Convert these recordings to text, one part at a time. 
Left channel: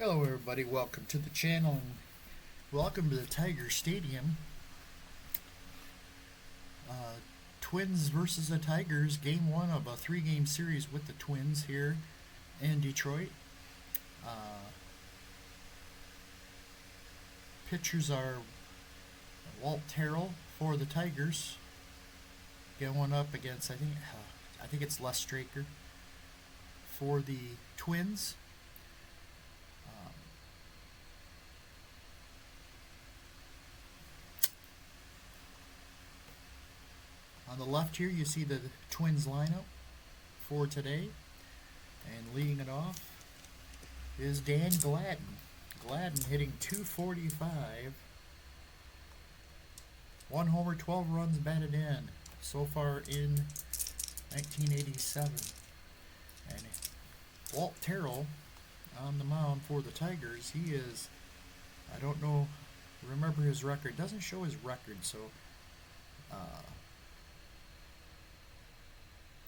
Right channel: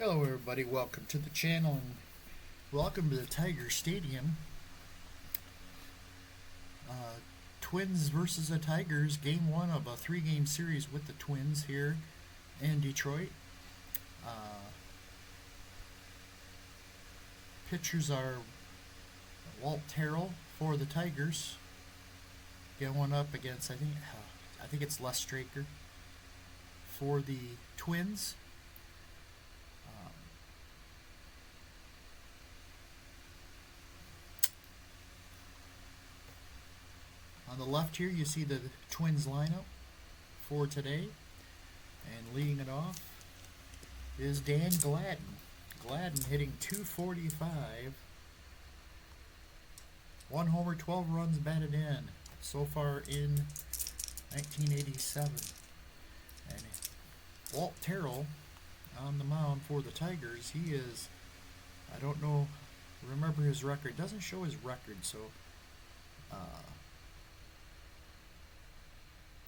Hello everybody, welcome to the channel and welcome to the Tiger Stadium. Twins versus the Tigers, game one of a three-game series with the Twins here in Detroit. Pitchers are Walt Terrell for the Tigers, going up against I think it's Straker for the Twins. On the left here, you see the Twins lineup for today. And leading it off is Dan Gladden. Gladden hitting .245. 1 homer, 12 runs batted in so far in 1987. And Walt Terrell on the mound for the Tigers. He is, I don't know, remember his record. Doesn't show his record, so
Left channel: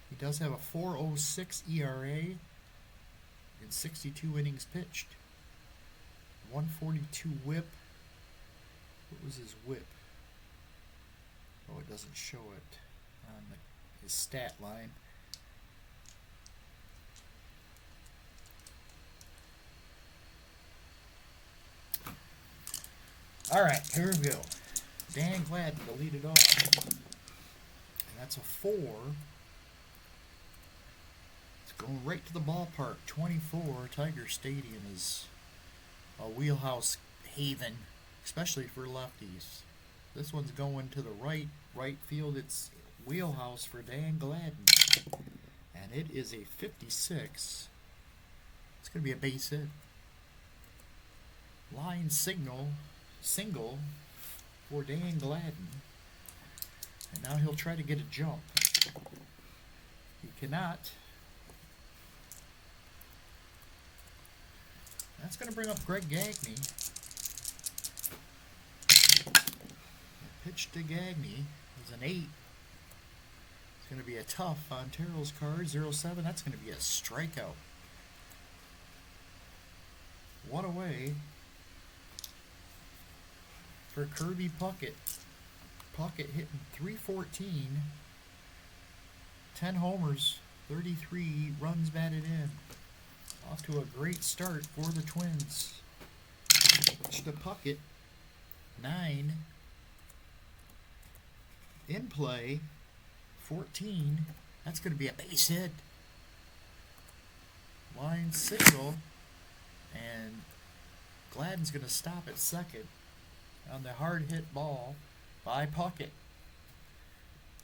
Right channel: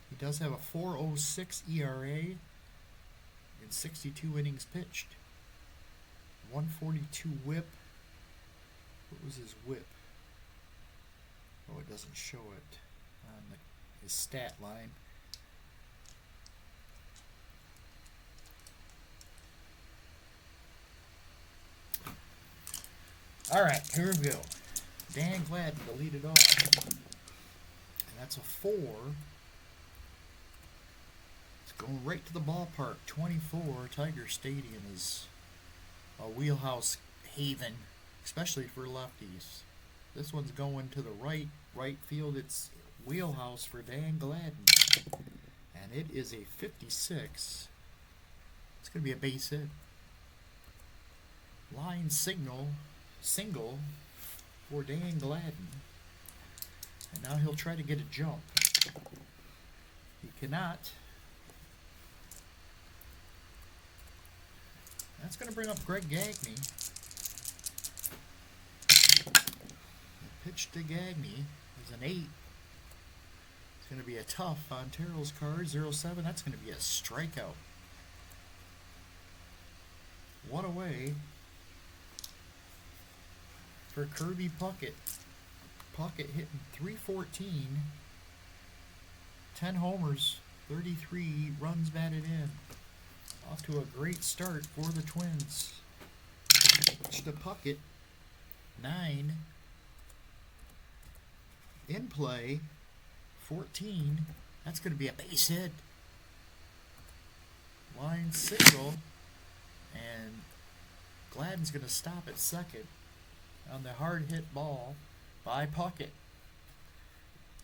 he does have a 4.06 ERA in 62 innings pitched. 142 whip. What was his whip? Oh, it doesn't show it on his stat line. Alright, here we go. Dan Gladden to lead it off. And that's a 4. Going right to the ballpark. 24. Tiger Stadium is a wheelhouse haven, especially for lefties. This one's going to the right field. It's wheelhouse for Dan Gladden. And it is a 56. It's going to be a base hit. Line single for Dan Gladden. And now he'll try to get a jump. He cannot. That's going to bring up Greg Gagne. The pitch to Gagne is an 8. It's going to be a tough on Terrell's card. 0-7. That's going to be a strikeout. 1 away for Kirby Puckett. Puckett hitting .314. 10 homers, 33 runs batted in. Off to a great start for the Twins. Pitch to Puckett. 9. In play. 14. That's going to be a base hit. Line single. And Gladden's going to stop at second on the hard hit ball by Puckett.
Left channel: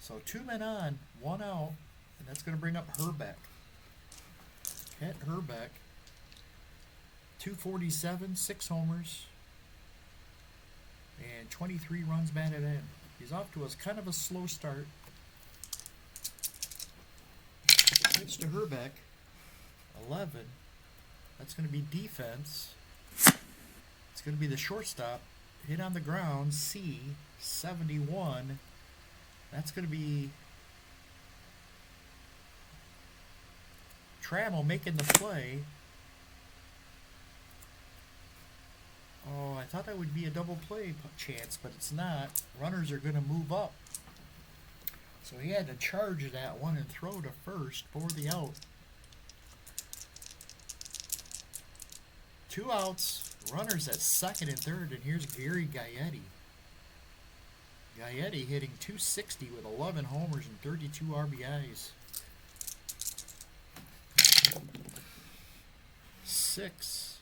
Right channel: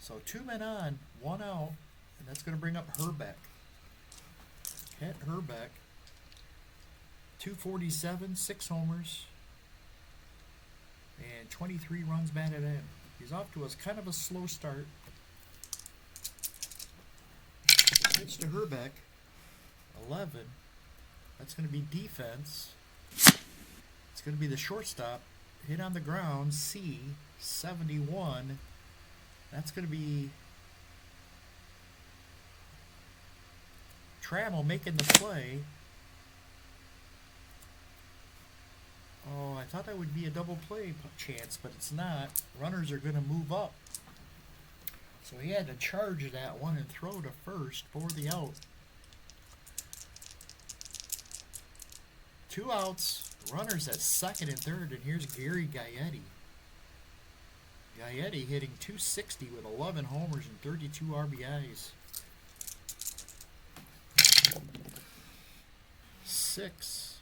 So 2 men on, 1 out. And that's going to bring up Herbeck. Kent Herbeck, .247, 6 homers, and 23 runs batted in. He's off to kind of a slow start. Pitch to Herbeck, 11. That's going to be defense. It's going to be the shortstop. Hit on the ground, C, 71. That's going to be Trammell making the play. Oh, I thought that would be a double play chance, but it's not. Runners are going to move up. So he had to charge that one and throw to first for the out. 2 outs. Runners at second and third, and here's Gary Gaetti. Gaetti hitting .260 with 11 homers and 32 RBIs. 6.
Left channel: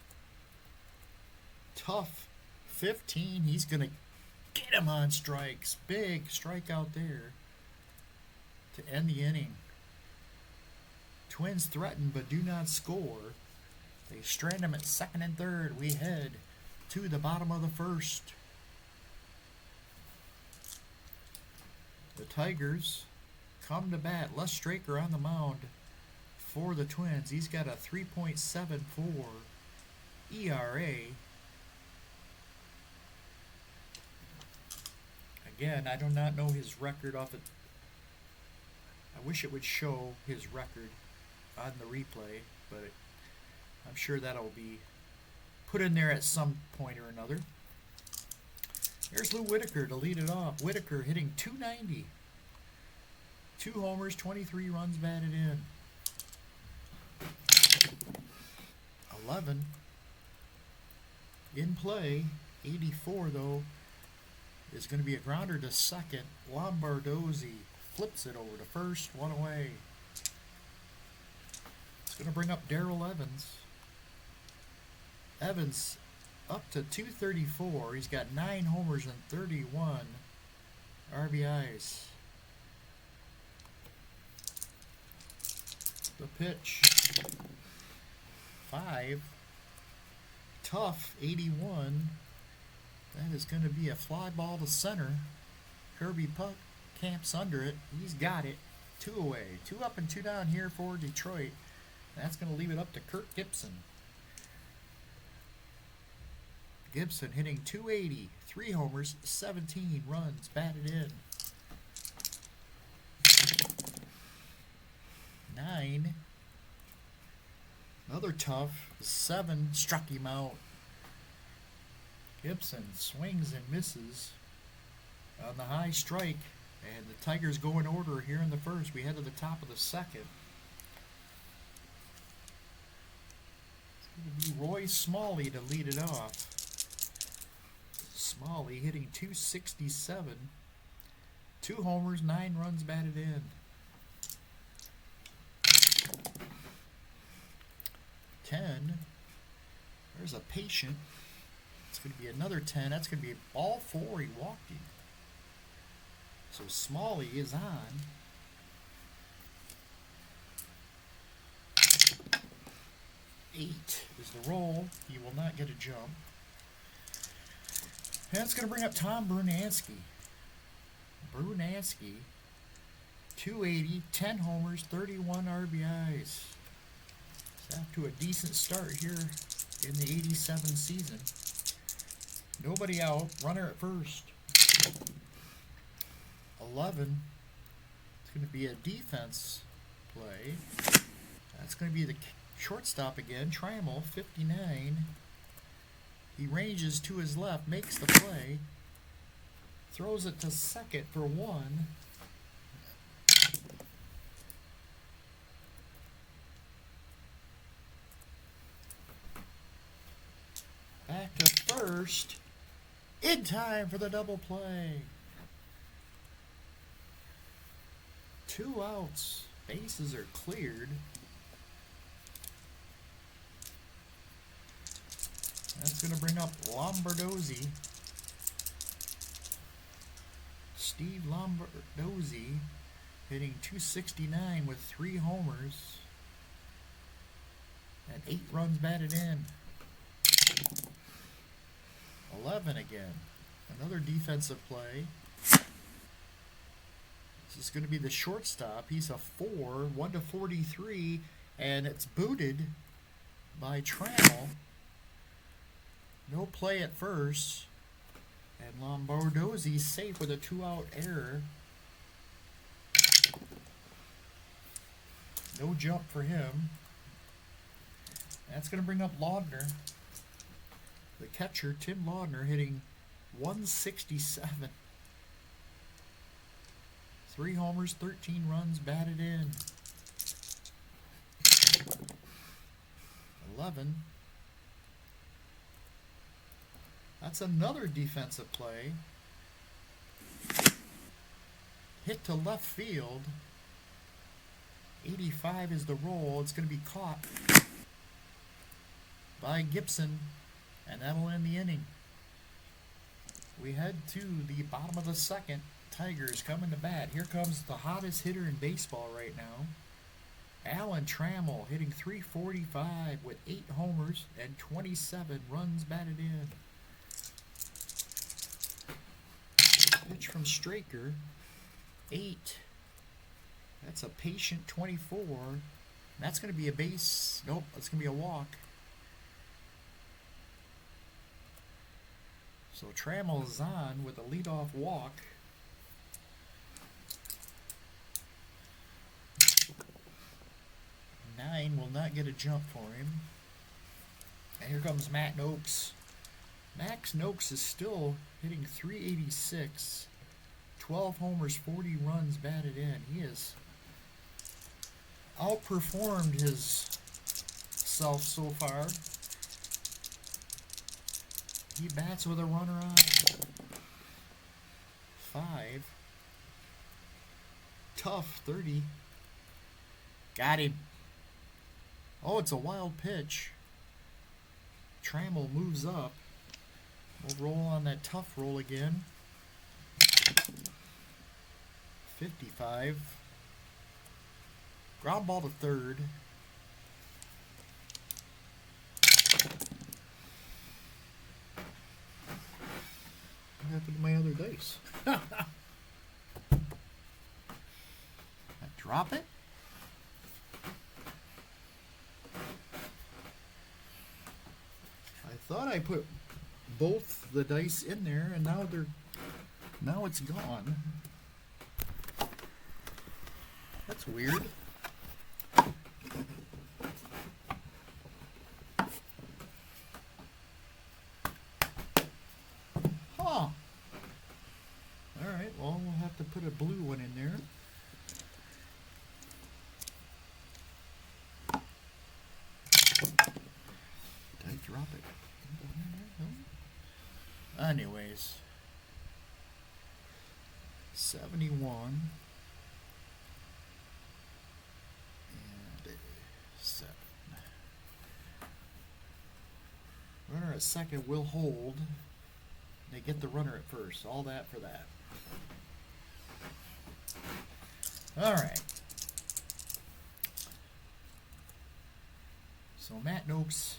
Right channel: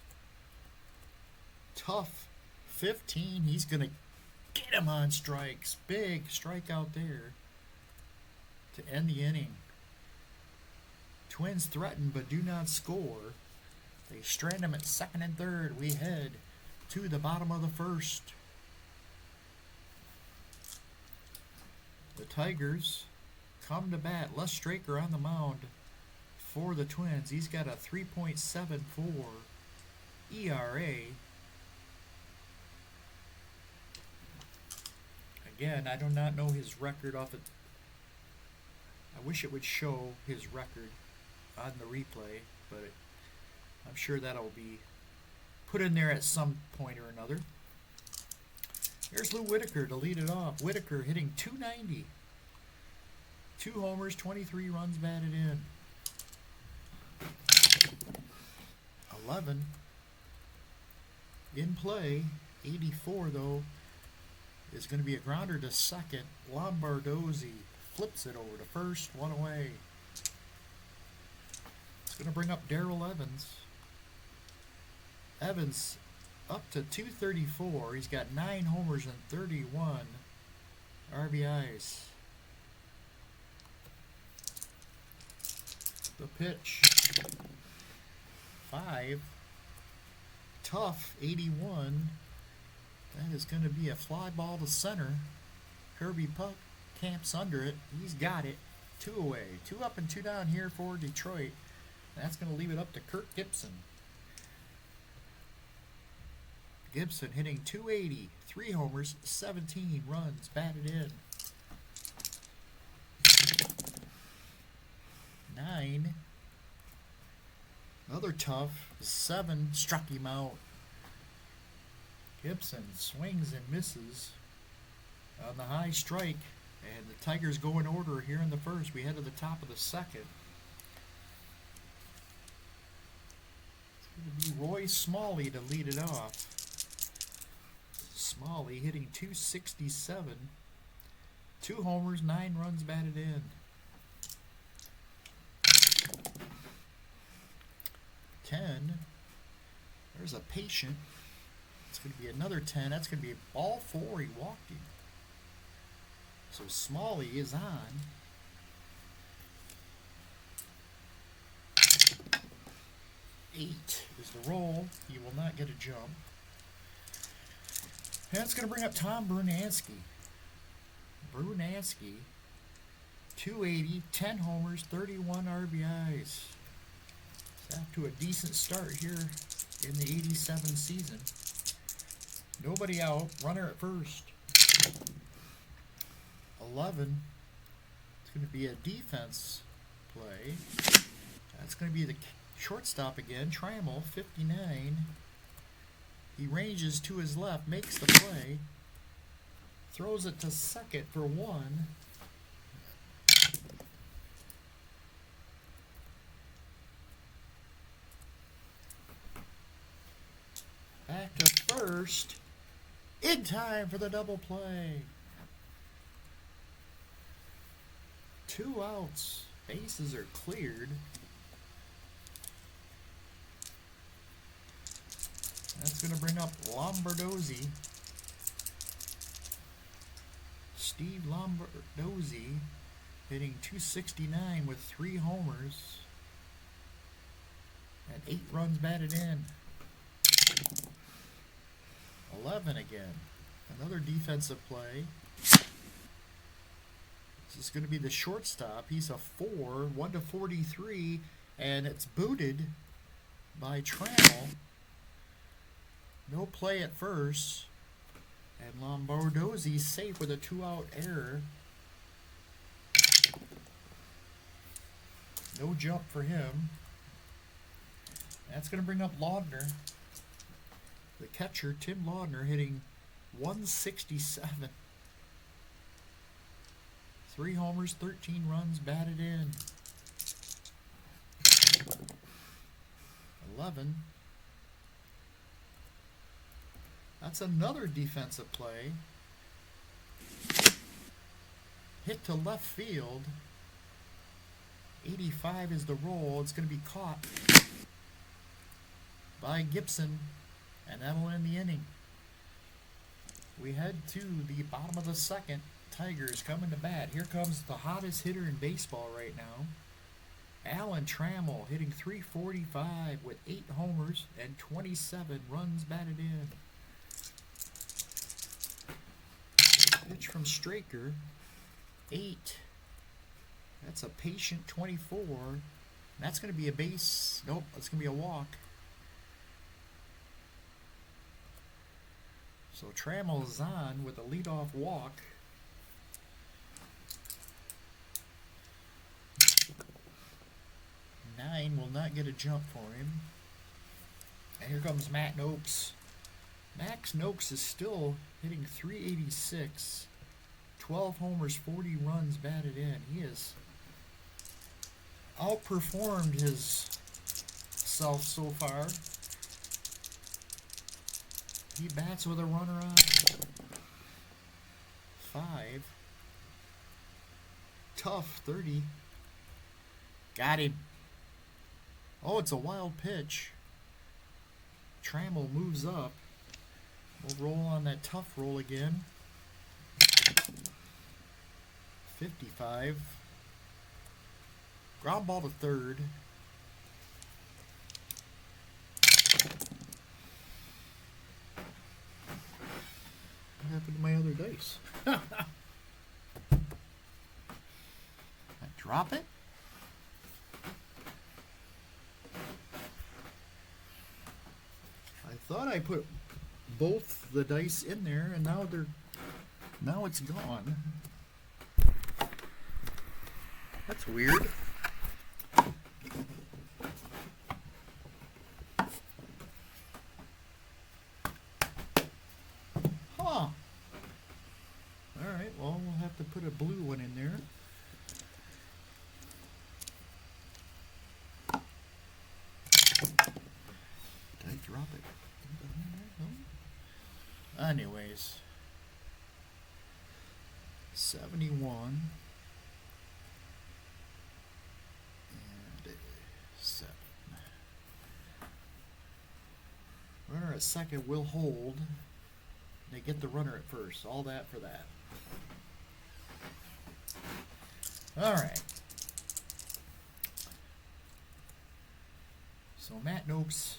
Tough. 15. He's going to get him on strikes. Big strikeout there to end the inning. Twins threaten but do not score. They strand him at second and third. We head to the bottom of the first. The Tigers come to bat. Straker on the mound for the Twins. He's got a 3.74 ERA. Again, I do not know his record off it. I wish it would show his record on the replay, but I'm sure that'll be put in there at some point or another. There's Lou Whitaker to lead it off. Whitaker hitting .290. 2 homers, 23 runs batted in. 11 in play. 84 though is going to be a grounder to second. Lombardozzi flips it over to first, 1 away. It's going to bring up Darrell Evans. Evans up to 234. He's got 9 homers and 31 RBIs. The pitch. 5. Tough, 81. That is going to be a fly ball to center. Kirby Puck camps under it. He's got it. 2 away. 2 up and 2 down here for Detroit. That's going to leave it up to Kirk Gibson. Gibson hitting .280. 3 homers, 17 runs batted in. 9. Another tough. 7 struck him out. Gibson swings and misses on the high strike. And the Tigers go in order here in the first. We head to the top of the second. It's going to be Roy Smalley to lead it off. Smalley hitting .267. 2 homers, 9 runs batted in. 10. There's a patient. It's going to be another 10. That's going to be all 4. He walked him. So Smalley is on. 8 is the roll. He will not get a jump. And that's going to bring up Tom Brunansky. Brunansky, 280, 10 homers, 31 RBIs. It's off to a decent start here in the 87 season. Nobody out, runner at first. 11. It's going to be a defense play. That's going to be the shortstop again, Trammell, 59. He ranges to his left, makes the play, throws it to second for 1. Back to first, in time for the double play. 2 outs, bases are cleared. That's going to bring up Lombardozzi. Steve Lombardozzi hitting .269 with 3 homers and 8 runs batted in. 11 again. Another defensive play. This is going to be the shortstop. He's a 4, 1-43, and it's booted by Trammell. No play at first, and Lombardozzi's safe with a 2-out error. No jump for him. That's going to bring up Laudner. The catcher, Tim Laudner, hitting .167. 3 homers, 13 runs batted in. 11. That's another defensive play. Hit to left field. 85 is the roll. It's going to be caught by Gibson, and that'll end the inning. We head to the bottom of the second. Tigers coming to bat. Here comes the hottest hitter in baseball right now. Alan Trammell hitting .345 with 8 homers and 27 runs batted in. Pitch from Straker, 8. That's a patient 24. That's going to be a base. Nope, that's going to be a walk. So Trammell is on with a leadoff walk. 9 will not get a jump for him. And here comes Matt Noakes. Max Noakes is still hitting .386. 12 homers, 40 runs batted in. He has outperformed his self so far. He bats with a runner on 5. Tough 30. Got him. Oh, it's a wild pitch. Trammell moves up. We'll roll on that tough roll again. 55. Ground ball to third. What happened to my other dice? I drop it. I thought I put both the dice in there, and now it's gone. That's weird. Huh. Alright, well, we'll have to put a blue one in there. Did I drop it? No. Anyways. 71. And 7. Runner at second will hold. They get the runner at first. All that for that. Alright. So Matt Noakes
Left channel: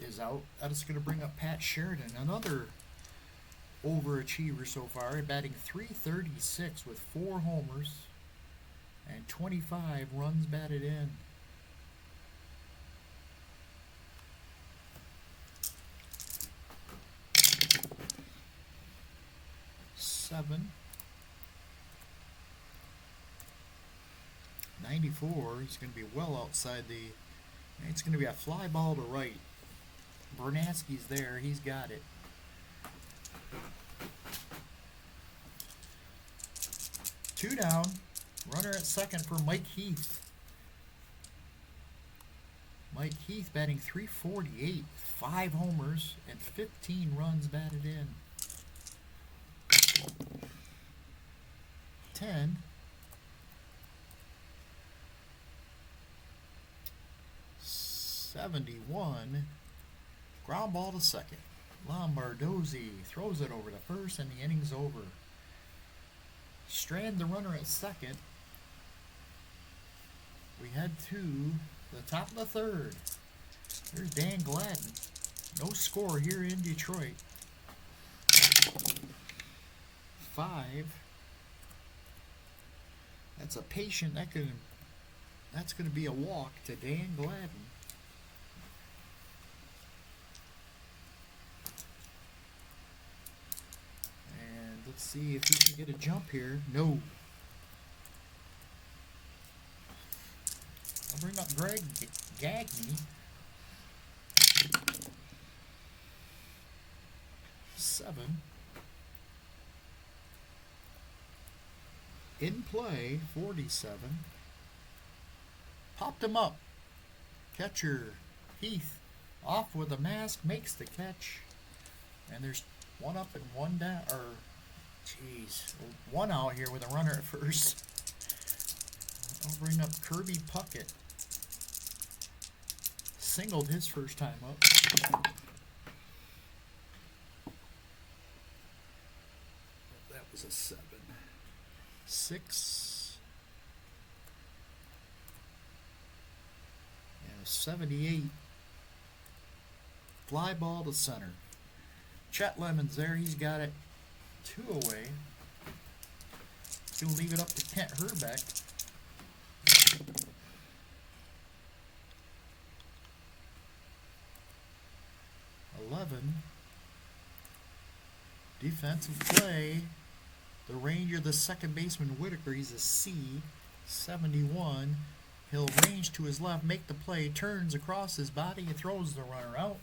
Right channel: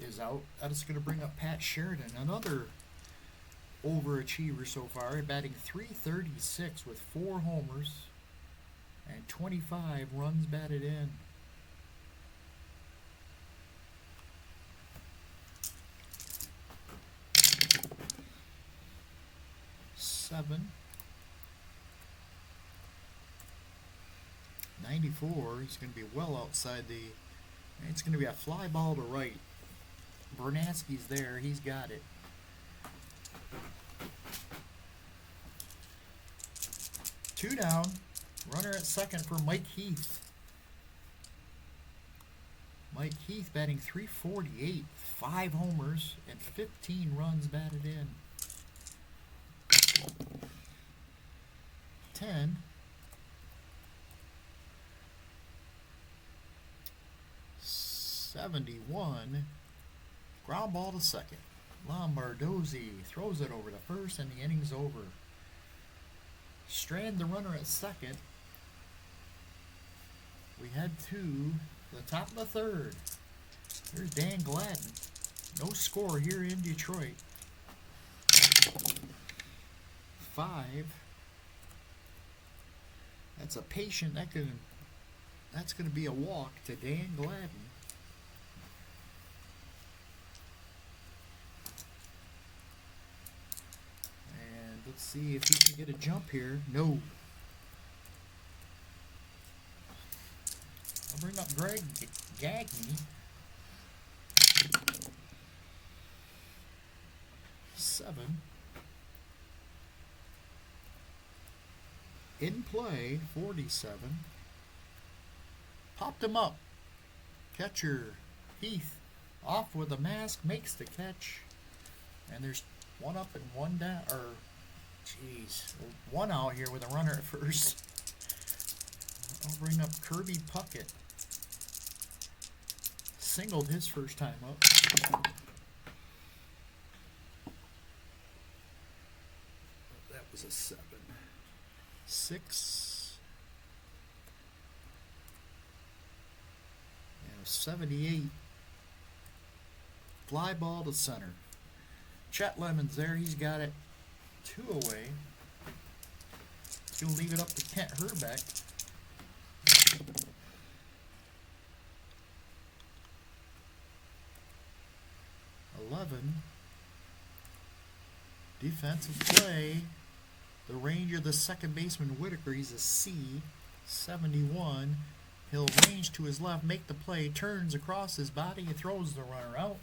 is out. That is going to bring up Pat Sheridan, another overachiever so far, batting .336 with 4 homers and 25 runs batted in. Seven. 94. He's going to be well outside the. It's going to be a fly ball to right. Bernatsky's there. He's got it. Two down. Runner at second for Mike Heath. Mike Heath batting .348, 5 homers and 15 runs batted in. 10. 71. Ground ball to second. Lombardozzi throws it over to first, and the inning's over. Strand the runner at second. We head to the top of the third. There's Dan Gladden. No score here in Detroit. 5. That's a patient. That's going to be a walk to Dan Gladden. And let's see if he can get a jump here. No. I'll bring up Greg Gagne. 7. In play, 47. Popped him up. Catcher Heath off with a mask, makes the catch. And there's one up and one down, or jeez, one out here with a runner at first. I'll bring up Kirby Puckett. Singled his first time up. That was a 7. 6. And a 78. Fly ball to center. Chet Lemon's there. He's got it 2 away. He's going to leave it up to Kent Herbeck. 11. Defensive play. The Ranger, the second baseman Whitaker, he's a C. 71. He'll range to his left, make the play, turns across his body, and throws the runner out.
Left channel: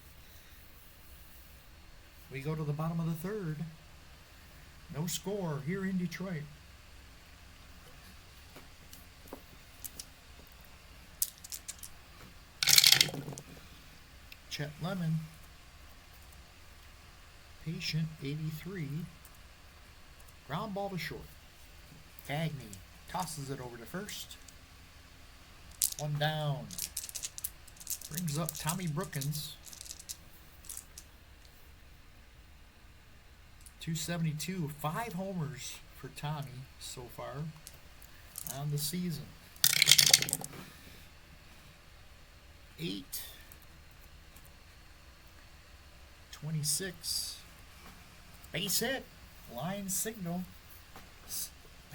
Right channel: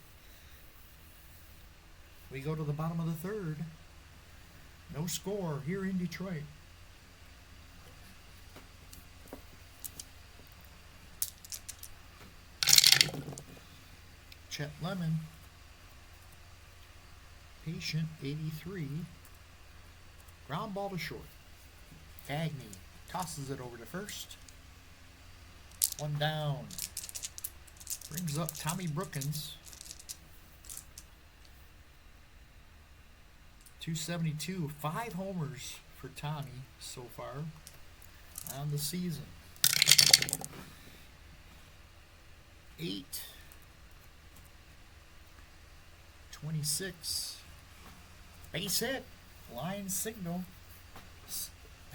We go to the bottom of the third. No score here in Detroit. Chet Lemon. Patient 83. Ground ball to short. Cagney tosses it over to first. One down. Brings up Tommy Brookins. 272. 5 homers for Tommy so far on the season. 8. 26. Base hit. Line signal.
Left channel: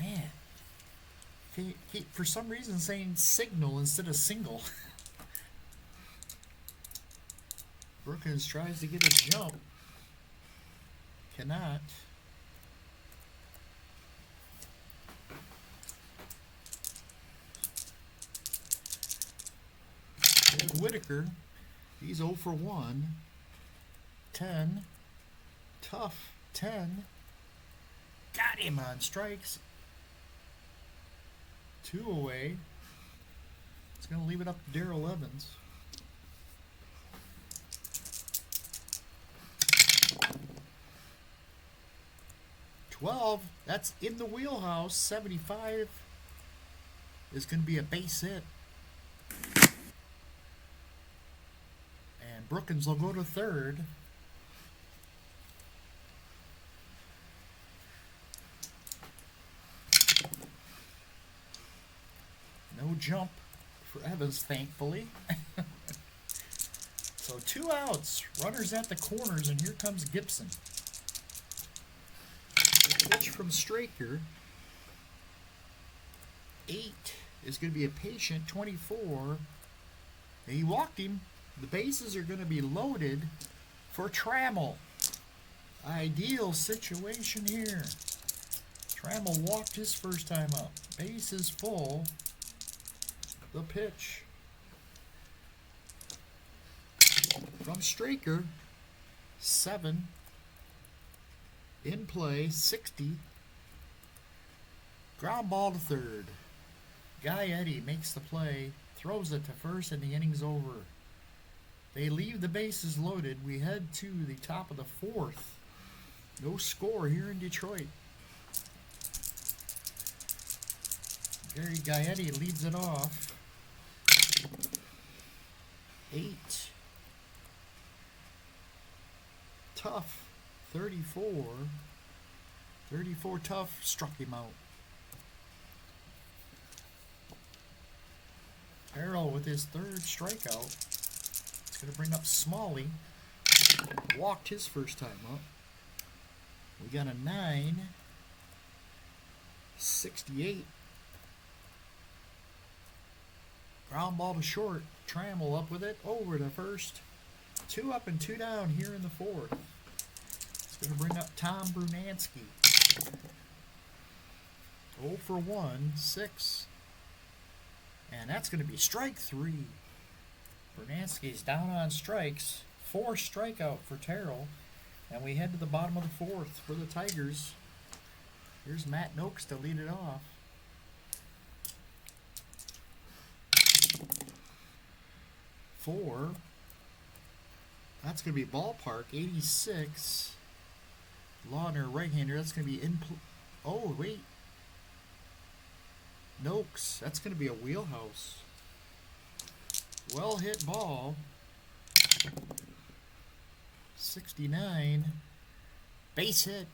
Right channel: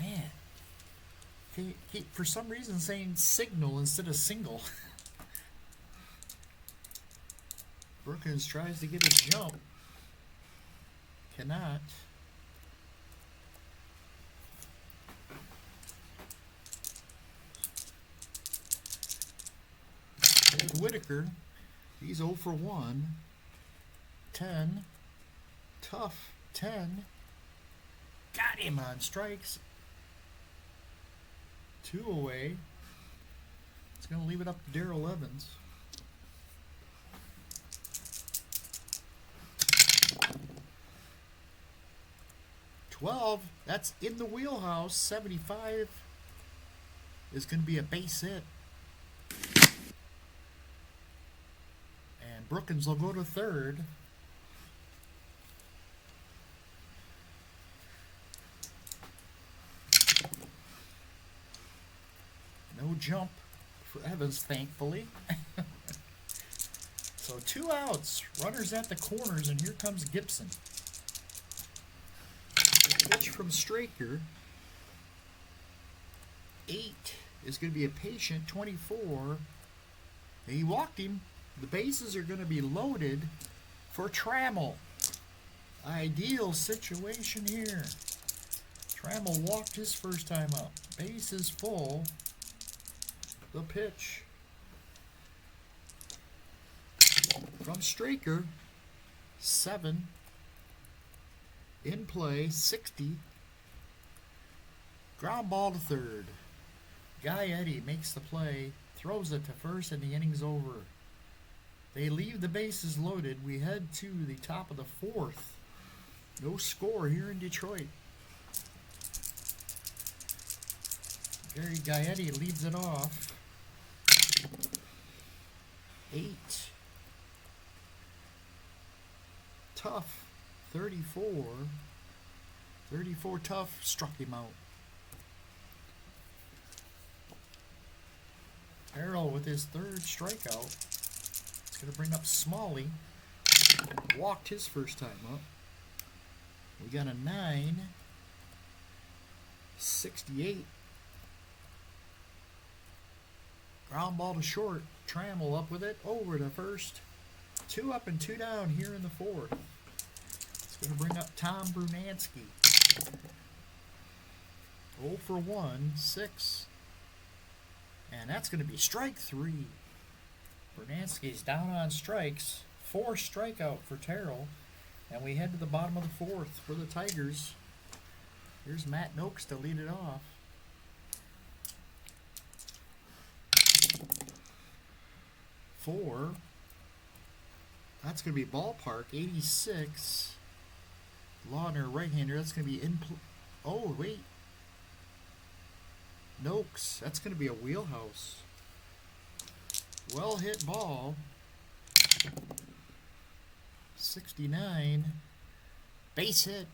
Man. He for some reason saying signal instead of single. Brookins tries to get a jump. Cannot. There's Whitaker. He's 0 for 1. 10. Tough. 10. Got him on strikes. 2 away. It's going to leave it up to Darrell Evans. That's in the wheelhouse. 75 is going to be a base hit. And Brookins will go to third. No jump for Evans, thankfully. So 2 outs. Runners at the corners, and here comes Gibson. Pitch from Straker. 8 is going to be a patient. 24. He walked him. The bases are going to be loaded for Trammell. Ideal situation here. Trammell walked his first time up. Base is full. The pitch from Straker. 7. In play. 60. Ground ball to third. Guy Eddie makes the play, throws it to first, and the inning's over. They leave the bases loaded. We head to the top of the 4th. No score here in Detroit. Gary Gaetti leads it off. 8. Tough. 34. 34 Tough struck him out. Terrell with his 3rd strikeout. It's going to bring up Smalley. Walked his first time up. We got a 9. 68. Ground ball to short. Trammell up with it. Over to first. 2 up and 2 down here in the 4th. It's going to bring up Tom Brunansky. 0 for 1. 6. And that's going to be strike 3. Brunansky's down on strikes. 4 strikeout for Terrell. And we head to the bottom of the 4th for the Tigers. Here's Matt Noakes to lead it off. 4. That's going to be ballpark. 86. Laudner, right-hander. That's going to be in. Oh, wait. Noakes. That's going to be a wheelhouse. Well hit ball. 69. Base hit.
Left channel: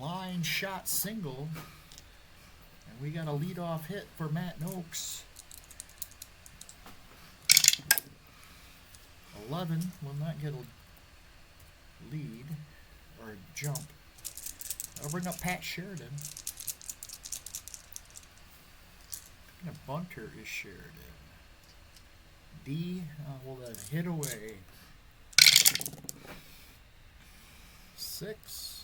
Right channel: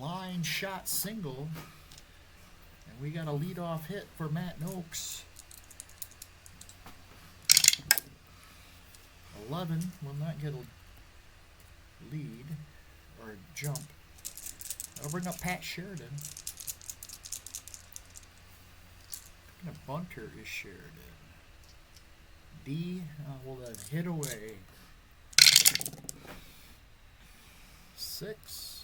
Line shot single. And we got a leadoff hit for Matt Noakes. 11 will not get a lead or a jump. That'll bring up Pat Sheridan. What kind of bunter is Sheridan? D will then hit away. 6.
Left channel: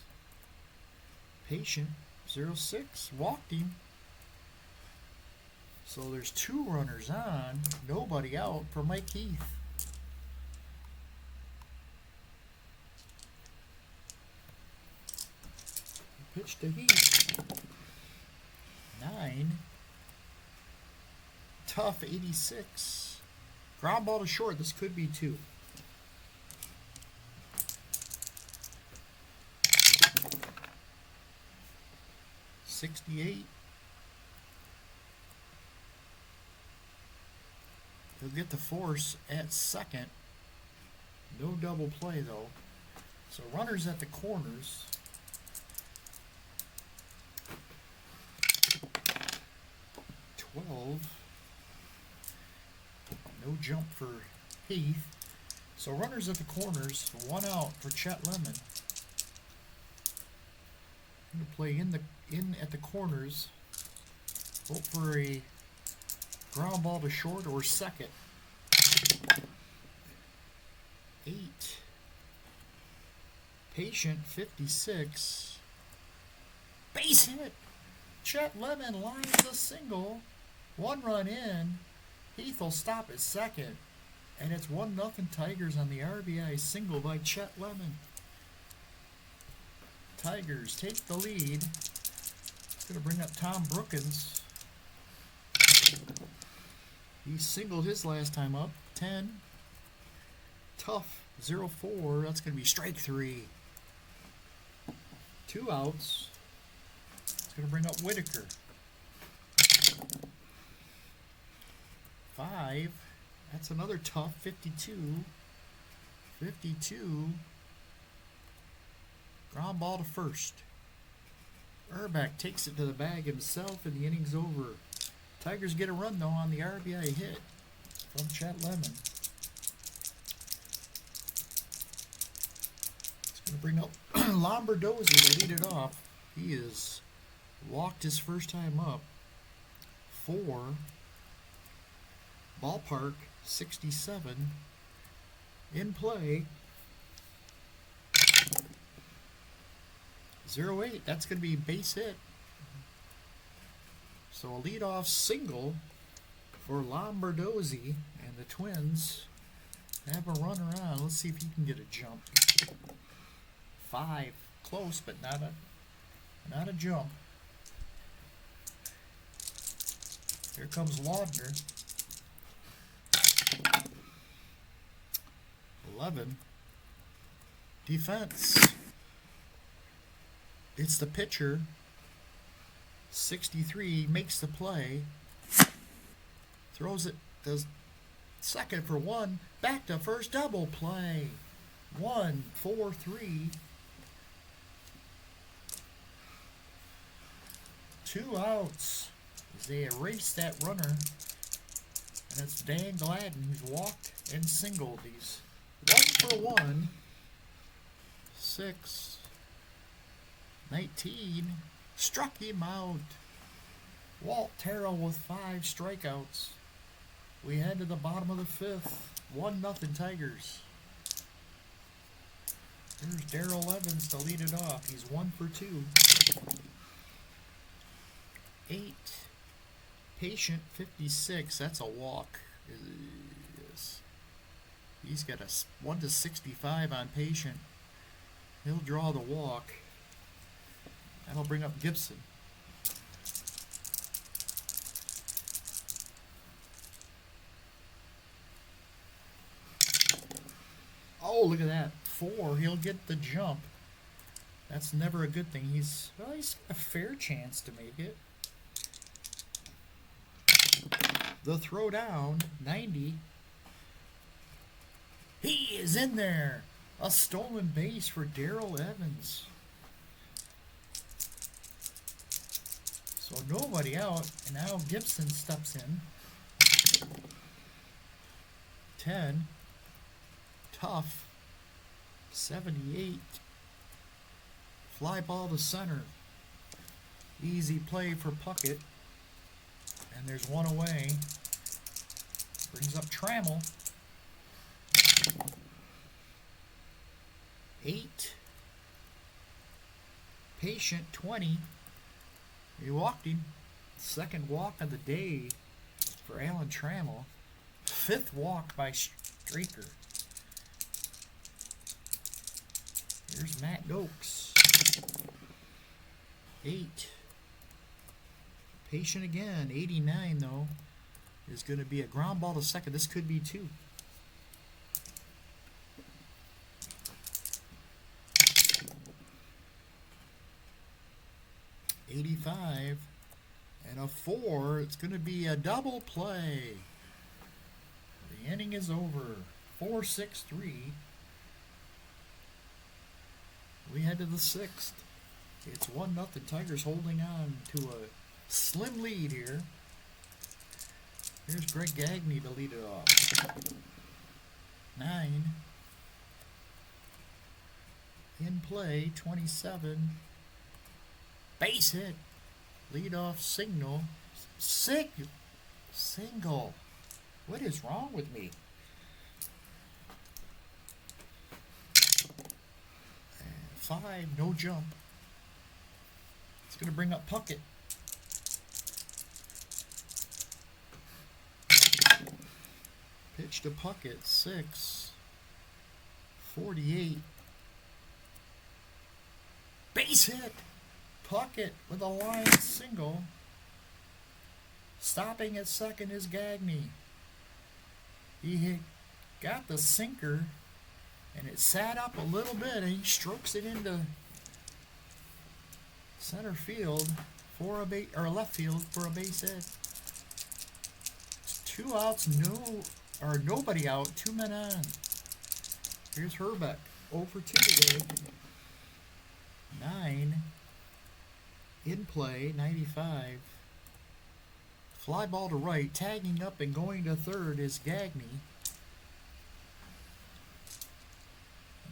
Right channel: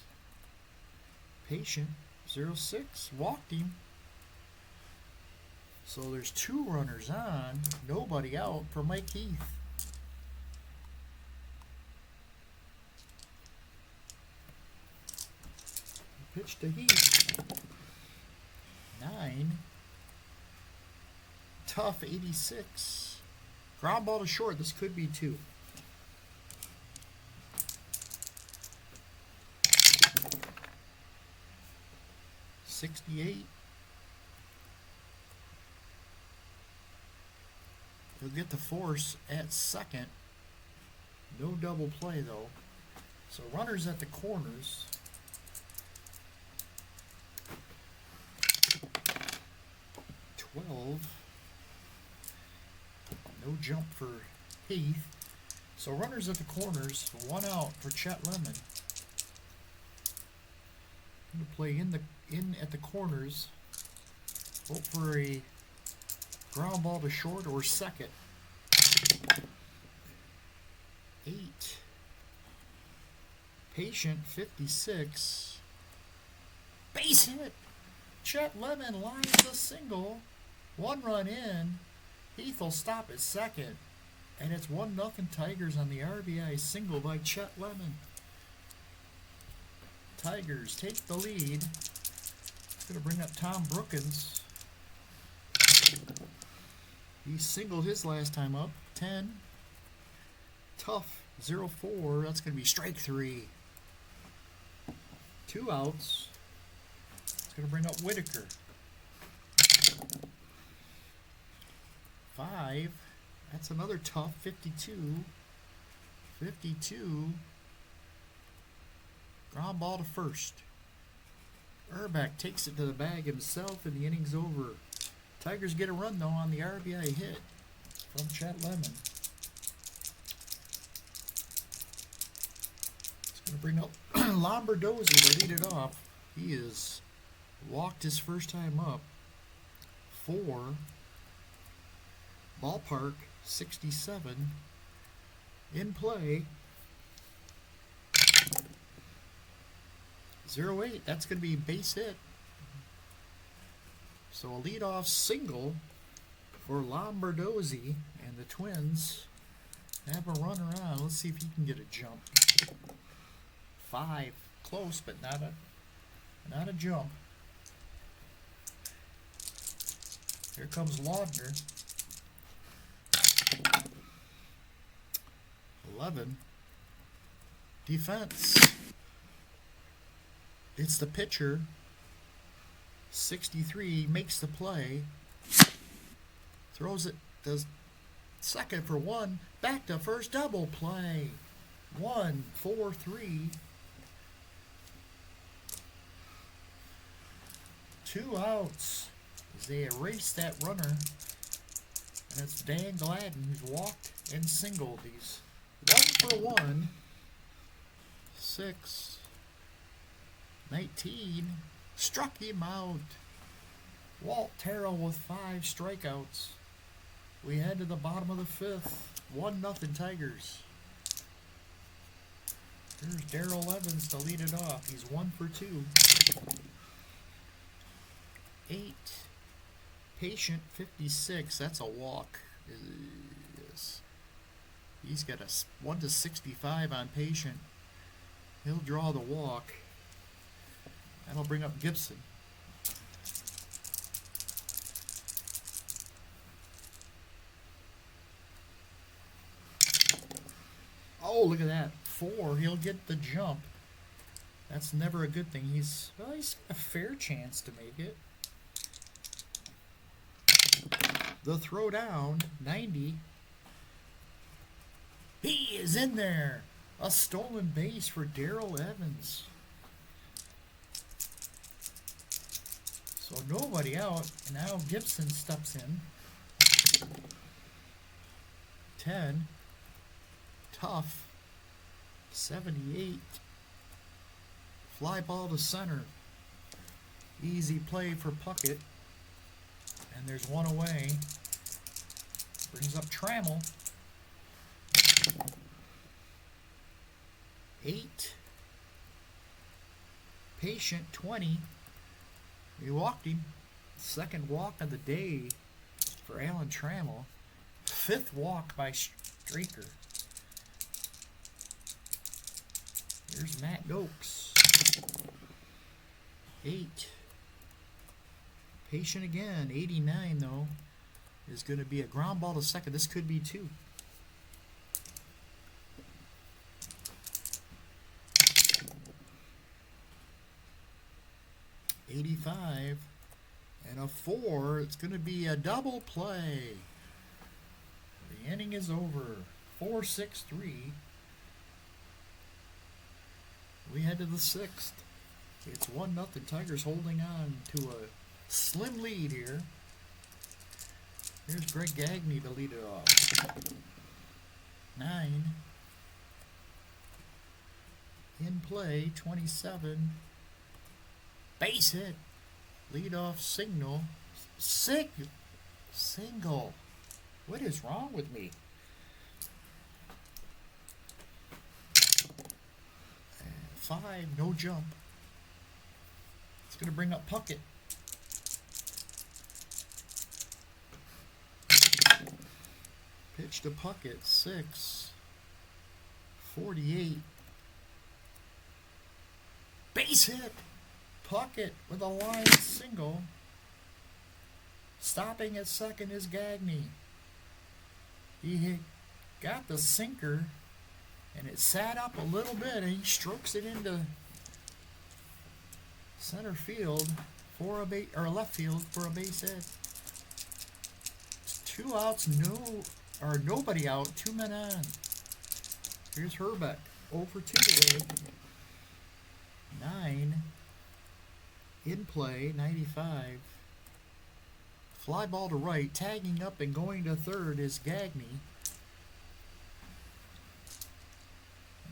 Patient. 0-6. Walked him. So there's 2 runners on. Nobody out for Mike Heath. Pitch to Heath. 9. Tough 86. Ground ball to short. This could be 2. $68. He'll get the force at second. No double play though. So runners at the corners. $12. No jump for Heath. So runners at the corners. 1 out for Chet Lemon. Going to play in at the corners. Hope for a ground ball to short or second. 8. Patient 56. Base hit. Chet Lemon lines a single. 1 run in. Heath will stop at second. And it's 1-0 Tigers on the RBI single by Chet Lemon. Tigers take the lead. It's going to bring up Tom Brookins. He singled his last time up. 10. Tough 0-4. That's going to be strike 3. 2 outs. It's going to bring up Whitaker. 5. That's another tough 52. 52. Ground ball to first. Urbeck takes it to the bag himself and the inning's over. Tigers get a run though on the RBI hit from Chet Lemon. It's going to bring up Lombardozzi to lead it off. He is walked his first time up. 4. Ballpark 67. In play. 0-8. That's going to be base hit. So a leadoff single for Lombardozzi, and the Twins have a runner on. Let's see if he can get a jump. 5. Close, but not a jump. Here comes Laudner. 11. Defense. It's the pitcher. 63 makes the play. Throws it to second for 1. Back to first, double play. 1-4-3. 2 outs as they erase that runner. And it's Dan Gladden who's walked and singled. He's 1 for 1. 6. 19. Struck him out. Walt Terrell with 5 strikeouts. We head to the bottom of the 5th. 1-0 Tigers. Here's Darrell Evans to lead it off. He's 1 for 2. 8. Patient 56. That's a walk. Yes. He's got a 1-65 on Patient. He'll draw the walk. That'll bring up Gibson. Oh, look at that. 4. He'll get the jump. That's never a good thing. He's got a fair chance to make it. The throw down, 90. He is in there. A stolen base for Darrell Evans. So nobody out, and now Gibson steps in. 10. Tough. 78. Fly ball to center. Easy play for Puckett. And there's 1 away. Brings up Trammell. 8. Patient 20. He walked him. 2nd walk of the day for Alan Trammell. 5th walk by Straker. Here's Matt Gokes. 8. Patient again. 89 though is going to be a ground ball to second. This could be 2. $85 and a 4. It's going to be a double play. The inning is over. 4-6-3. We head to the 6th. It's 1-0. Tigers holding on to a slim lead here. Here's Greg Gagne to lead it off. 9. In play, 27. Base hit. Leadoff single. Single. What is wrong with me? 5, no jump. It's going to bring up Puckett. Pitch to Puckett, 6. 48. Base hit. Puckett with a line single. Stopping at second is Gagne. He got the sinker, and it sat up a little bit, and he strokes it into center field for a left field for a base hit. It's 2 outs, nobody out, 2 men on. Here's Herbeck, 0 for 2 today. 9. In play, 95. Fly ball to right, tagging up and going to third is Gagne.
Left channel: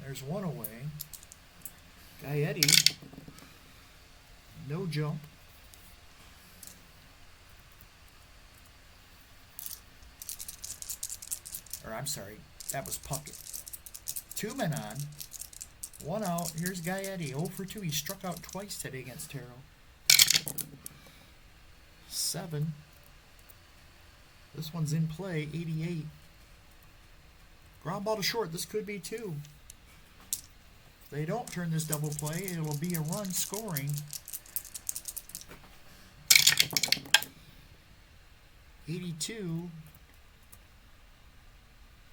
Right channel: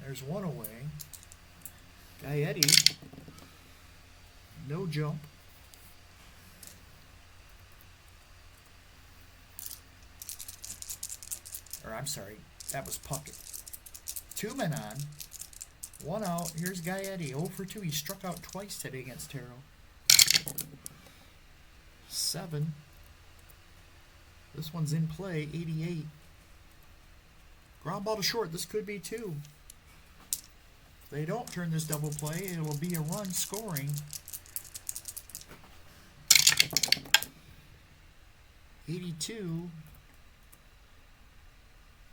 There's 1 away. Gaetti, no jump. Or I'm sorry, that was Puckett. 2 men on, 1 out. Here's Gaetti, 0 for 2. He struck out twice today against Terrell. 7. This one's in play, 88. Ground ball to short. This could be 2. If they don't turn this double play, it will be a run scoring. 82.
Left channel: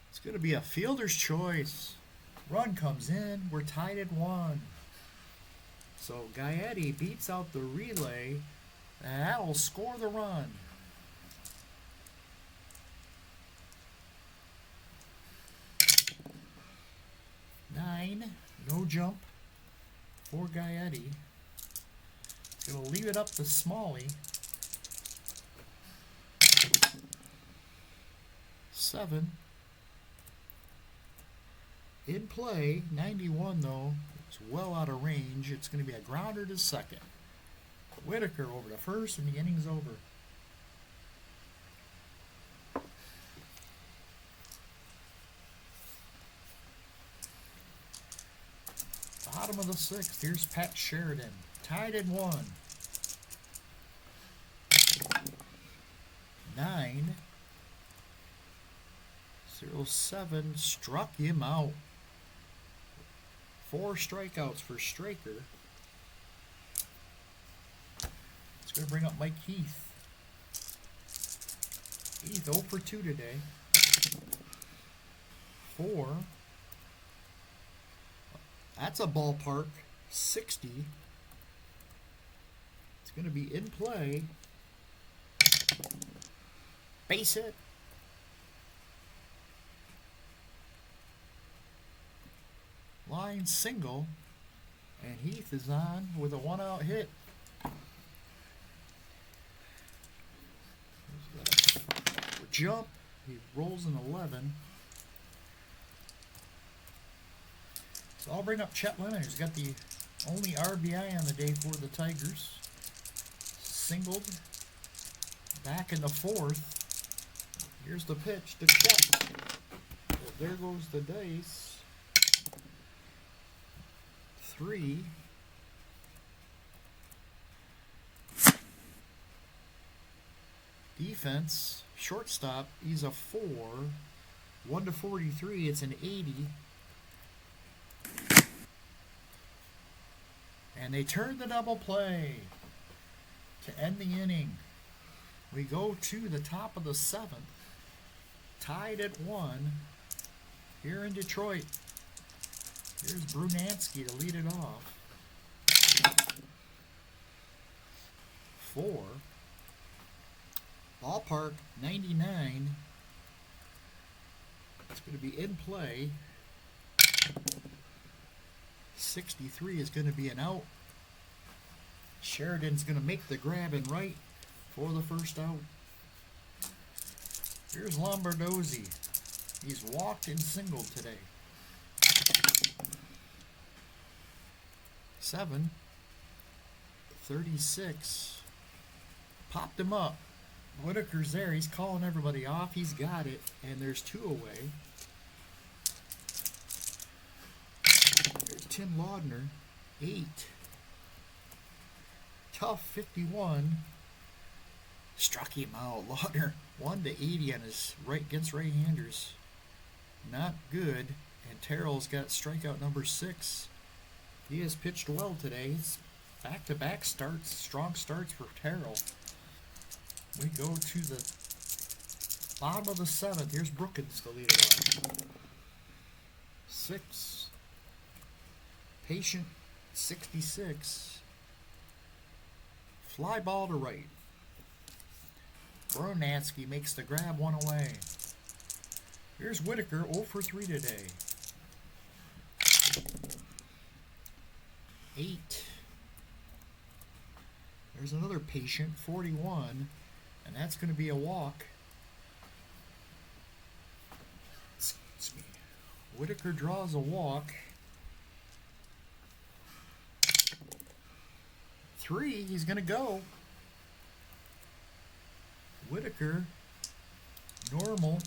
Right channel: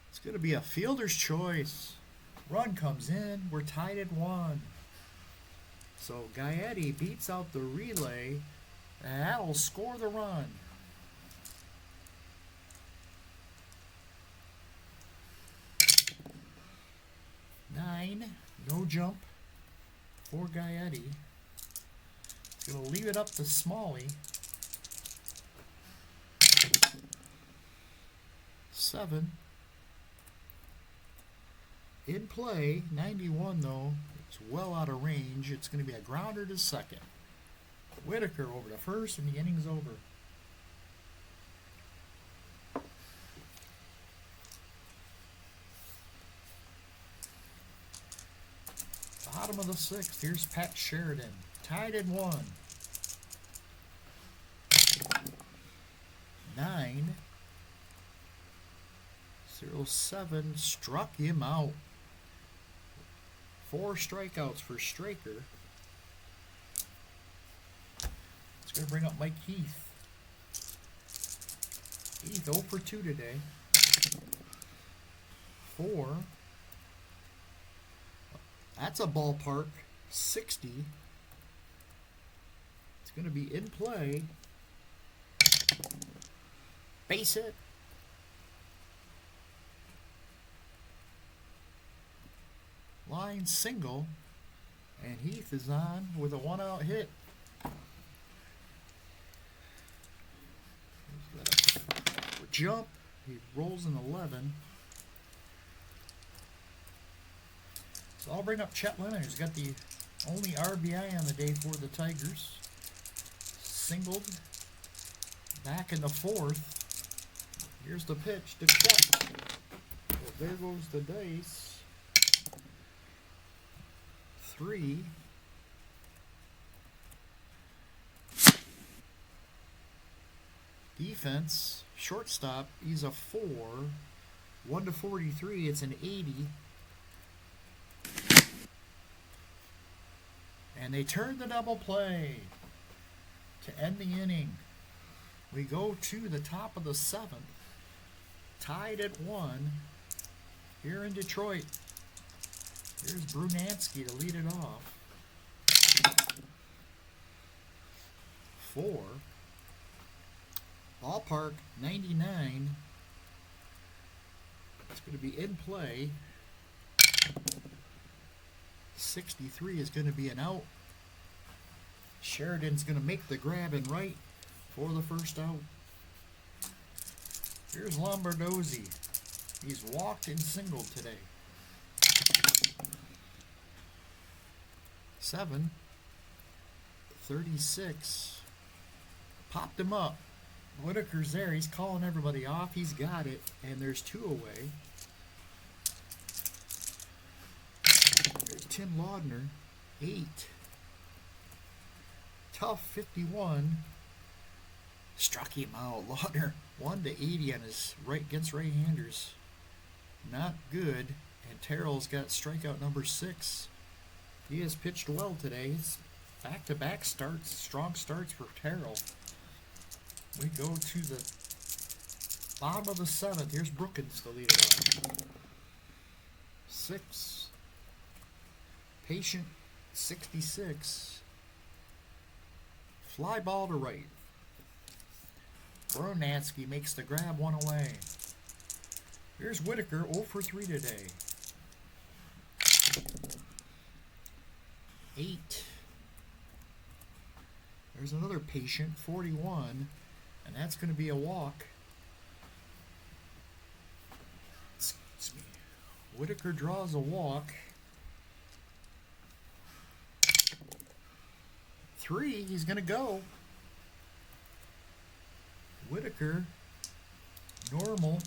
It's going to be a fielder's choice. Run comes in. We're tied at 1. So Gaetti beats out the relay, and that'll score the run. 9, no jump for Gaetti. It's going to leave it up to Smalley. 7. In play, 91 though. It's well out of range. It's going to be a grounder to second. Whitaker over to first, and the inning's over. Bottom of the 6th, here's Pat Sheridan, tied at 1. 9. 07 struck him out. 4 strikeouts for Straker. It's going to bring up Mike Heath. Heath 0 for 2 today. 4. That's a ballpark. 60. It's going to be in play. Base hit. Line single. And Heath is on with a 1-out hit. Jump. He rolls an 11. So I'll bring up Chet Lemon, who's got the only RBI on the day for the Tigers. Singled. Back in the 4th. Here's the pitch to Chet. Well, there goes the dice. 3. Defense, shortstop, he's a 4. 1 to 43, it's an 80. And they turn the double play to end the inning. We go to the top of the 7th, tied at 1 here in Detroit. Here's Brunansky to lead it off. 4. Ballpark 99. It's going to be in play. 63 is going to be an out. Sheridan's going to make the grab and right for the first out. Here's Lombardozzi. He's walked and singled today. 7. 36. Popped him up. Whitaker's there. He's calling everybody off. He's got it. And there's 2 away. There's Tim Laudner. 8. Tough 51. Struck him out. Laudner 1-80 on his right against right-handers. Not good. And Terrell's got strikeout number 6. He has pitched well today. It's back-to-back starts, strong starts for Terrell. We go to the bottom of the 7th. Here's Brookins to lead it off. 6. Patient 66. Fly ball to right. Brunansky makes the grab, 1 away. Here's Whitaker, 0 for 3 today. 8. There's another patient, 41, and that's going to be a walk. Excuse me. Whitaker draws a walk. 3, he's going to go. Whitaker, normal.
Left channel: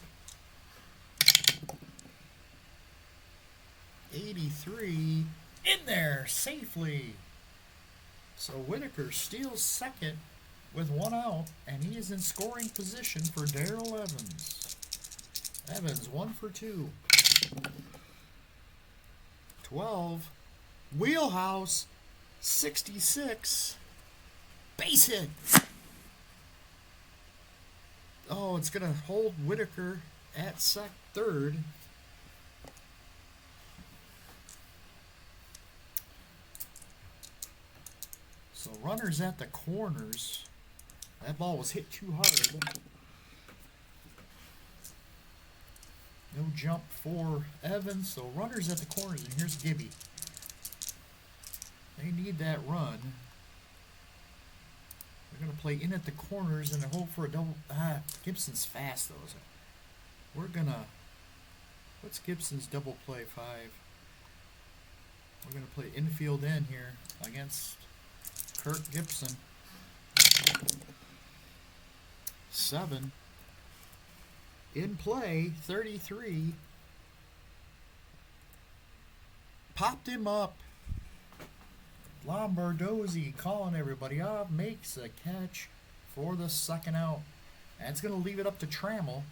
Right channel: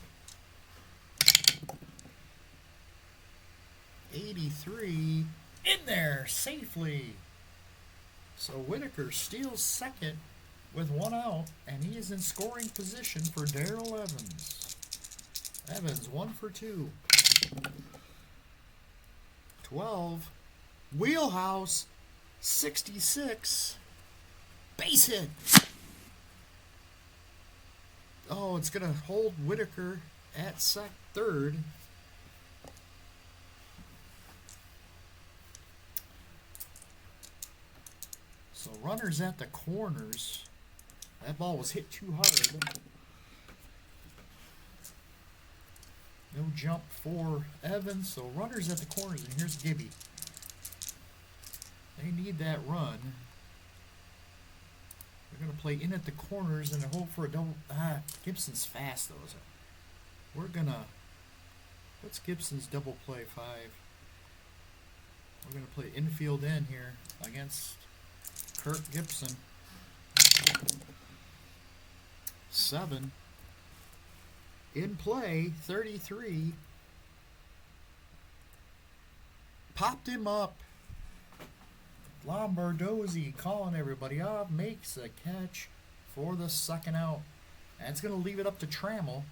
83, in there safely. So Whitaker steals second with 1 out, and he is in scoring position for Darrell Evans. Evans, 1 for 2. 12, Wheelhouse, 66, base hit. Oh, it's going to hold Whitaker at third. So runners at the corners. That ball was hit too hard. No jump for Evans. So runners at the corners. And here's Gibby. They need that run. They're going to play in at the corners and hope for a double. Gibson's fast though. So we're going to. What's Gibson's double play 5? We're going to play infield in here against Kirk Gibson. 7. In play, 33. Popped him up. Lombardozzi calling everybody off. Makes a catch for the second out. And it's going to leave it up to Trammell.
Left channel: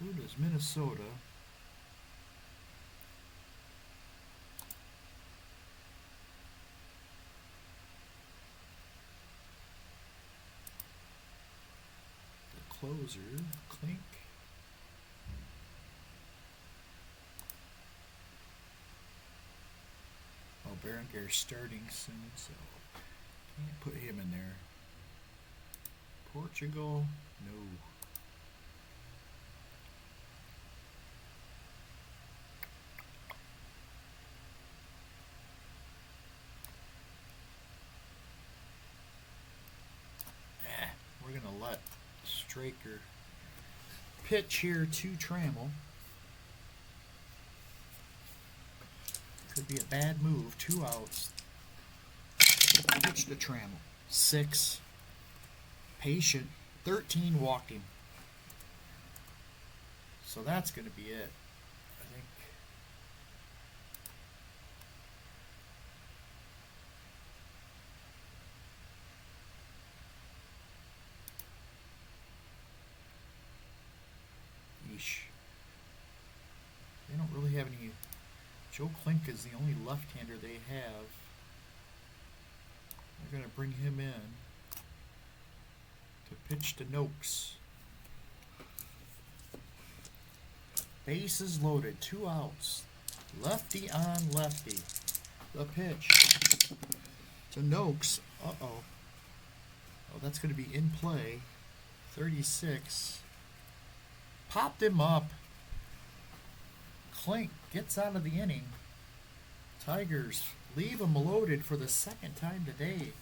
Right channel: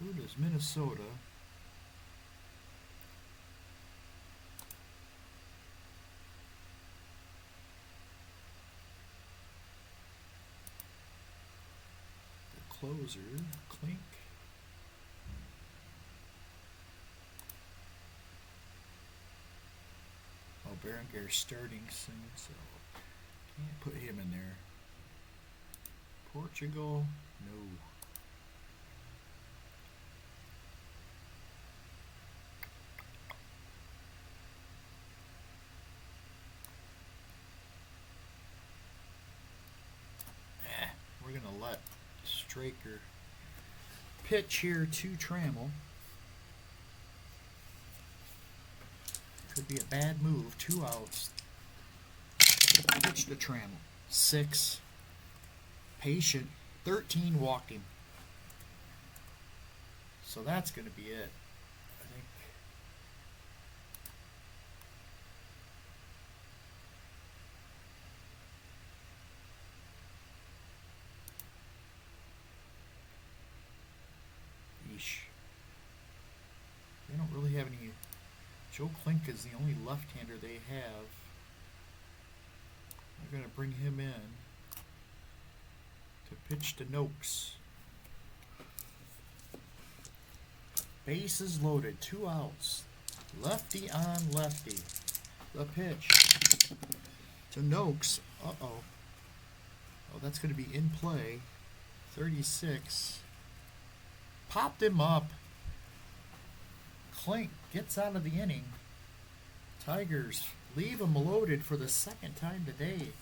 Who does Minnesota? The closer, Klink. Oh, Berenger's starting soon, so can't put him in there. Portugal, no. We're going to let Straker pitch here to Trammell. Could be a bad move. 2 outs. Pitch to Trammell. 6. Patient. 13 walked him. So that's going to be it. I think. Sheesh. They don't really have any. Joe Klink is the only left-hander they have. They're going to bring him in to pitch to Noakes. Bases loaded, 2 outs. Lefty on lefty. The pitch to Noakes. Uh-oh. Oh, that's going to be in play. 36. Popped him up. Klink gets out of the inning. Tigers leave him loaded for the second time today.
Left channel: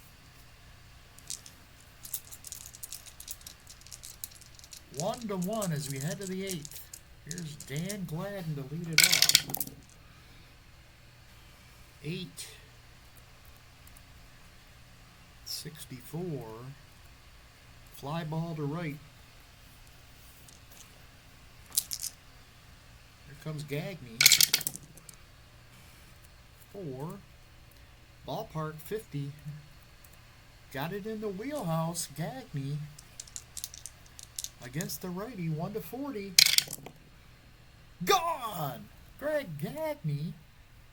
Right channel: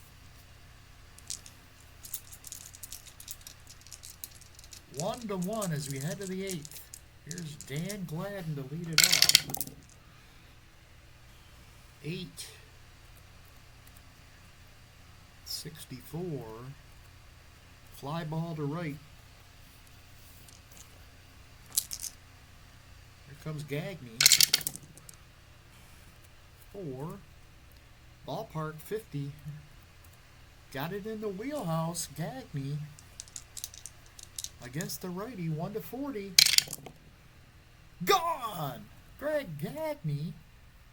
1-1 as we head to the 8th. Here's Dan Gladden to lead it off. 8-64. Fly ball to right. Here comes Gagne. 4. Ballpark 50. Got it in the wheelhouse. Gagne against the righty. 1-40. Gone! Greg Gagne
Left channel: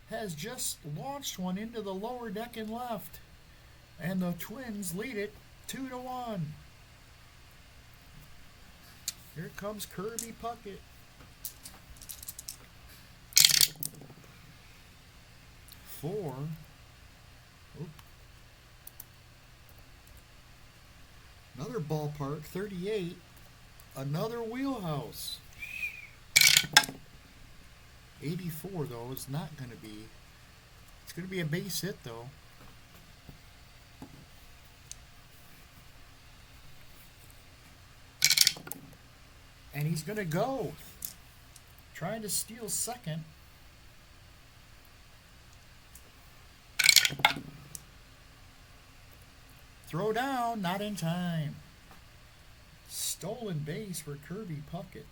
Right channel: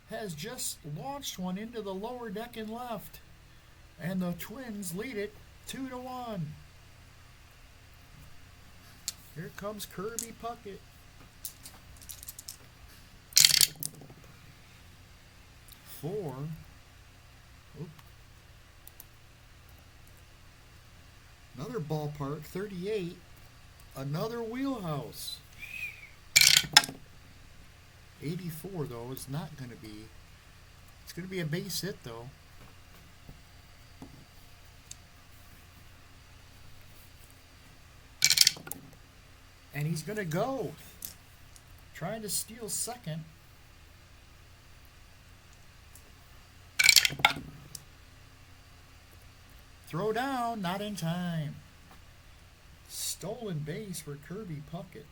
has just launched one into the lower deck and left. And the Twins lead it 2-1. Here comes Kirby Puckett. 4. Oop. Another ballpark, 38. Another wheelhouse. 84, though, is not going to be. It's going to be a base hit, though. And he's going to go. Trying to steal second. Throw down, not in time. Stolen base for Kirby Puckett.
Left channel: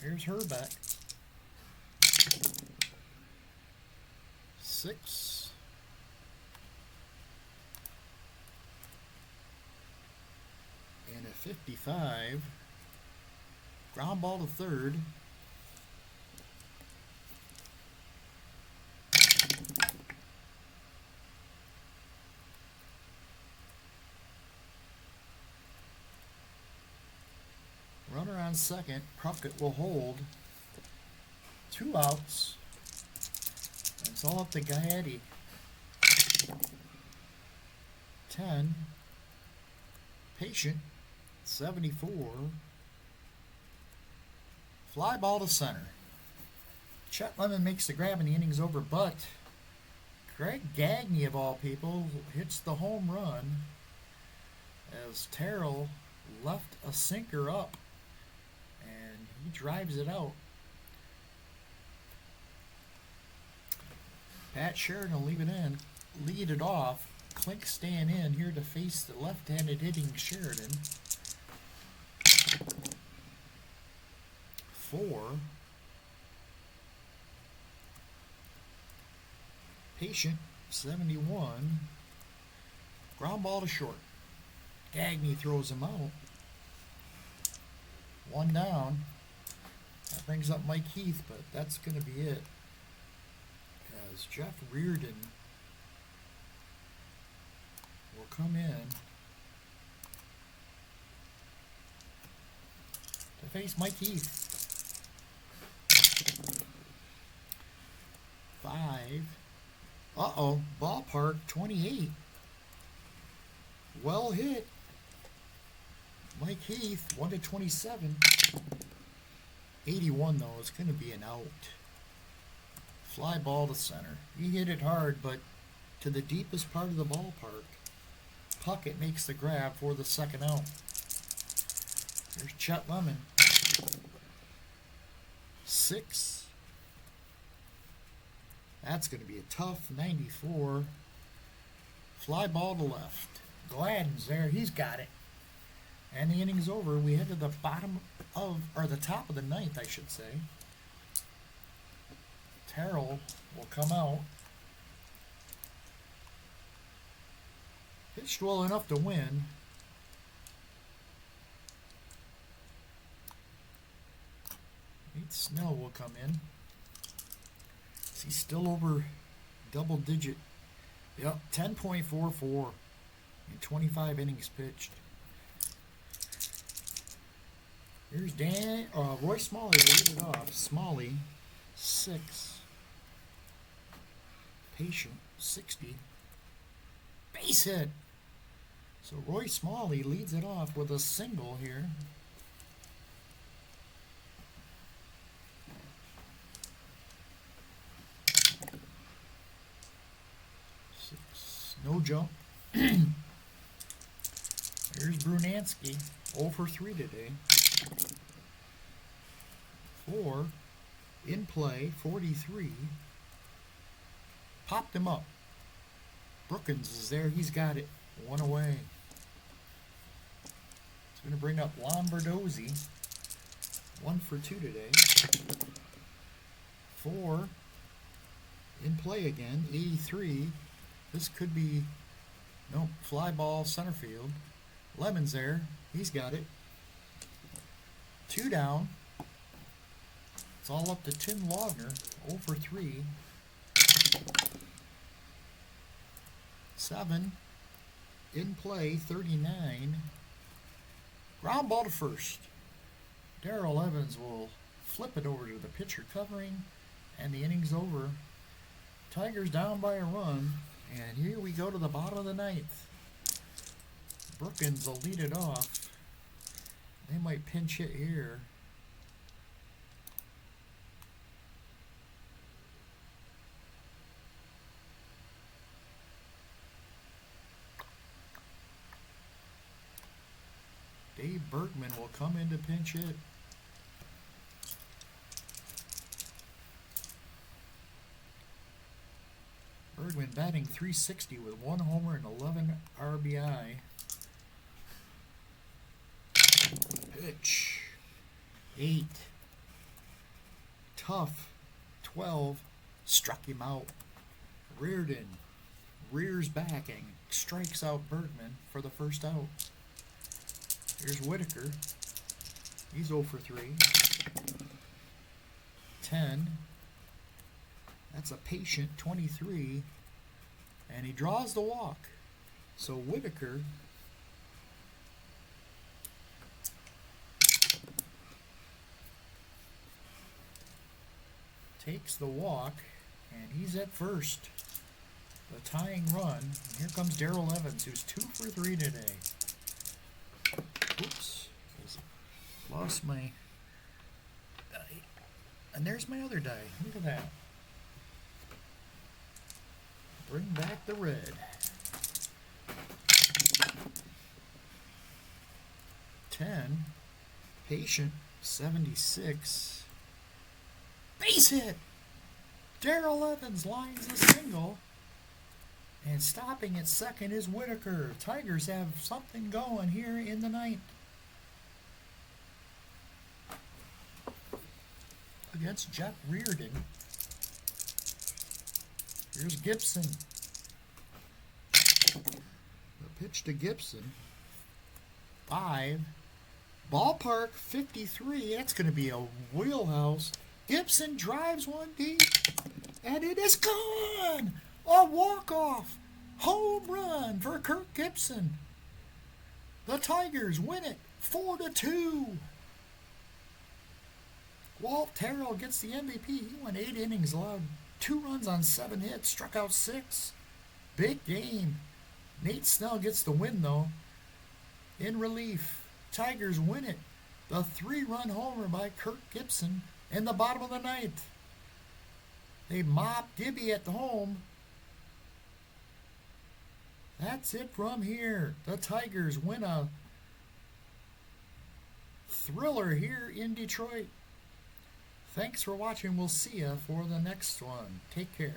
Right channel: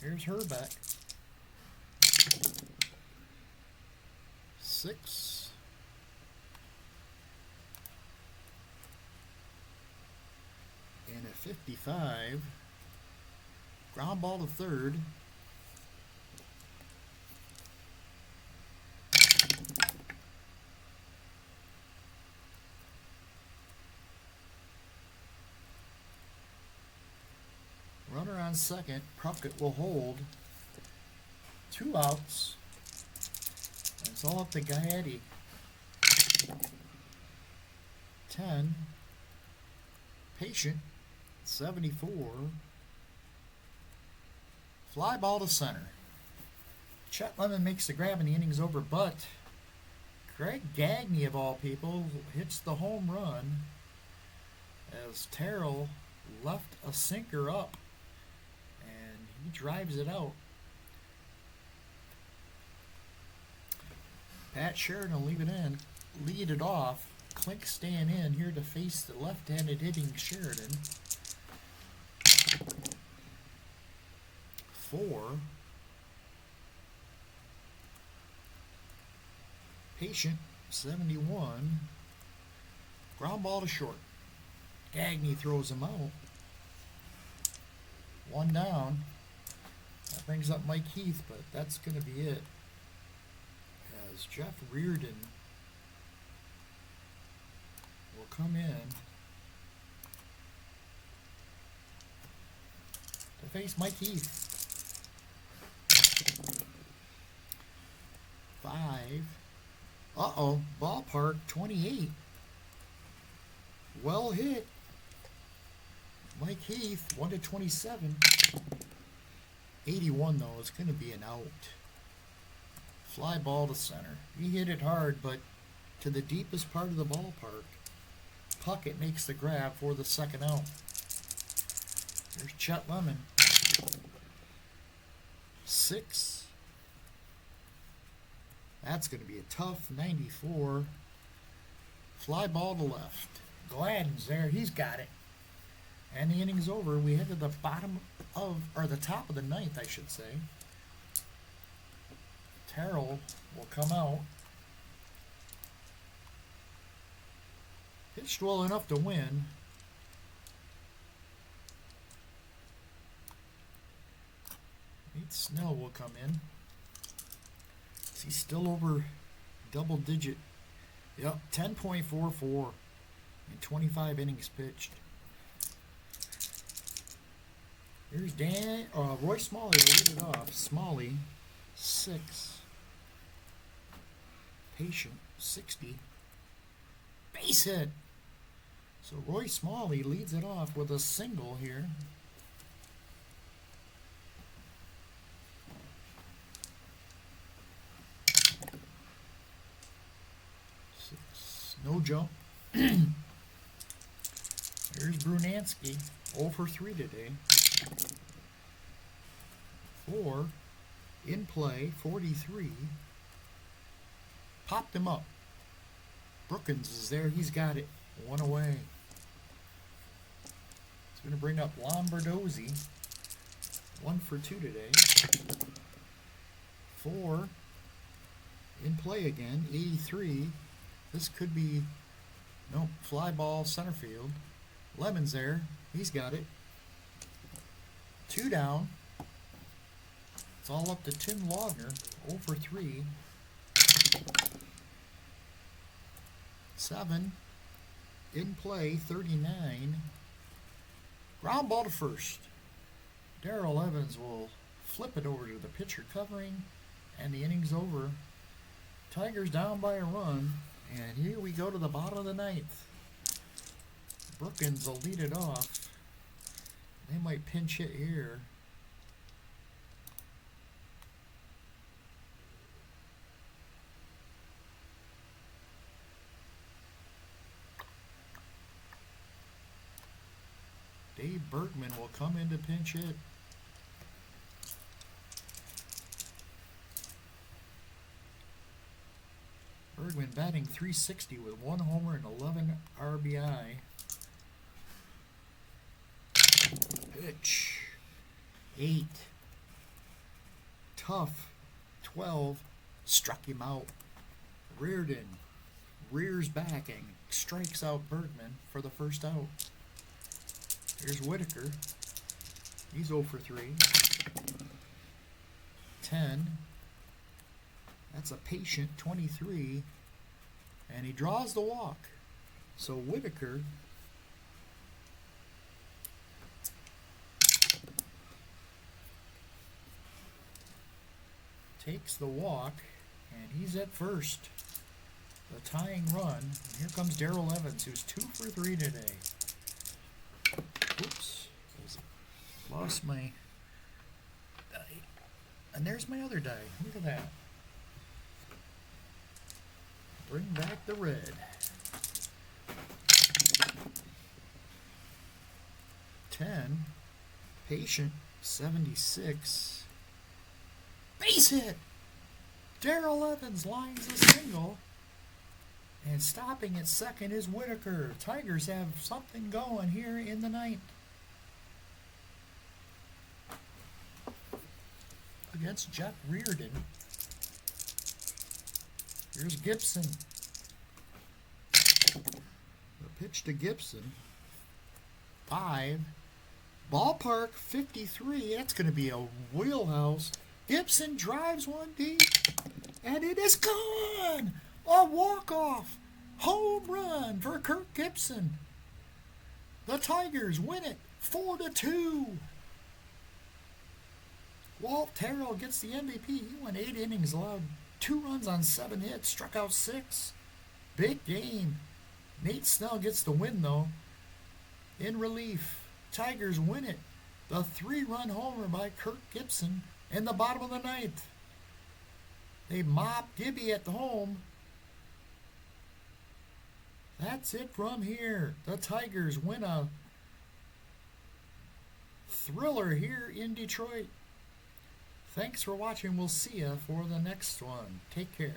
Here's Herbeck. 6. And a 55. Ground ball to third. Runner on second. Puckett will hold. 2 outs. It's all up to Gaetti. 10. Patient. 74. Fly ball to center. Chet Lemon makes the grab and the inning's over, but Greg Gagne, of all people, hits the home run as Terrell left a sinker up. He drives it out. Pat Sheridan will lead it off. Klink staying in here to face the left-handed hitting Sheridan. 4. Patient, 71. Ground ball to short. Gagne throws him out. 1 down. That brings up Mike Heath, but that's going to be it. As Jeff Reardon will come in to face Mike Heath. 5. Uh-oh. Ballpark 28. Well hit. Mike Heath, 1-27. 81, though, it's going to be an out. Fly ball to center. He hit it hard, but to the deepest part of the ballpark. Puckett makes the grab for the second out. There's Chet Lemon. 6. That's going to be a tough 94. Fly ball to left. Gladden's there. He's got it. And the inning's over. We head to the the top of the 9th, I should say. Terrell will come out. Pitched well enough to win. Nate Snell will come in. He's still over double digit. Yep, 10.44 in 25 innings pitched. Here's Roy Smalley to lead it off. Smalley, 6. Patient, 60. Base hit. So Roy Smalley leads it off with a single here. 6. No jump. Here's Brunansky, 0 for 3 today. 4. In play, 43. Popped him up. Brookins is there. He's got it. 1 away. It's going to bring up Lombardozzi. 1 for 2 today. 4. In play again. 83. This could be... Nope. Fly ball center field. Lemon's there. He's got it. 2 down. It's all up to Tim Laudner. 0 for 3. 7. In play, 39. Ground ball to first. Darrell Evans will flip it over to the pitcher covering, and the inning's over. Tigers down by a run, and here we go to the bottom of the 9th. Brookins will lead it off. They might pinch hit here. Dave Bergman will come in to pinch hit. Bergman batting .360 with 1 homer and 11 RBI. Pitch. 8. Tough. 12. Struck him out. Reardon rears back and strikes out Bergman for the first out. Here's Whitaker. He's 0 for 3. 10. That's a patient, 23. And he draws the walk. So Whitaker takes the walk, and he's at first. The tying run. And here comes Darrell Evans, who's 2 for 3 today. Oops. Lost my die. And there's my other die. Look at that. Bring back the red. 10. Patient, 76. Base hit! Darrell Evans lines a single. And stopping at second is Whitaker. Tigers have something going here in the 9th. Against Jeff Reardon. Here's Gibson. The pitch to Gibson. 5. Ballpark 53. That's going to be a wheelhouse. Gibson drives one deep. And it is gone! A walk-off home run for Kirk Gibson. The Tigers win it 4-2. Walt Terrell gets the MVP. He went 8 innings, allowed 2 runs on 7 hits, struck out 6. Big game. Nate Snell gets the win, though. In relief, Tigers win it. The 3-run homer by Kirk Gibson in the bottom of the 9th. They mop Gibby at the home. That's it from here. The Tigers win a thriller here in Detroit. Thanks for watching. We'll see you for the next one. Take care.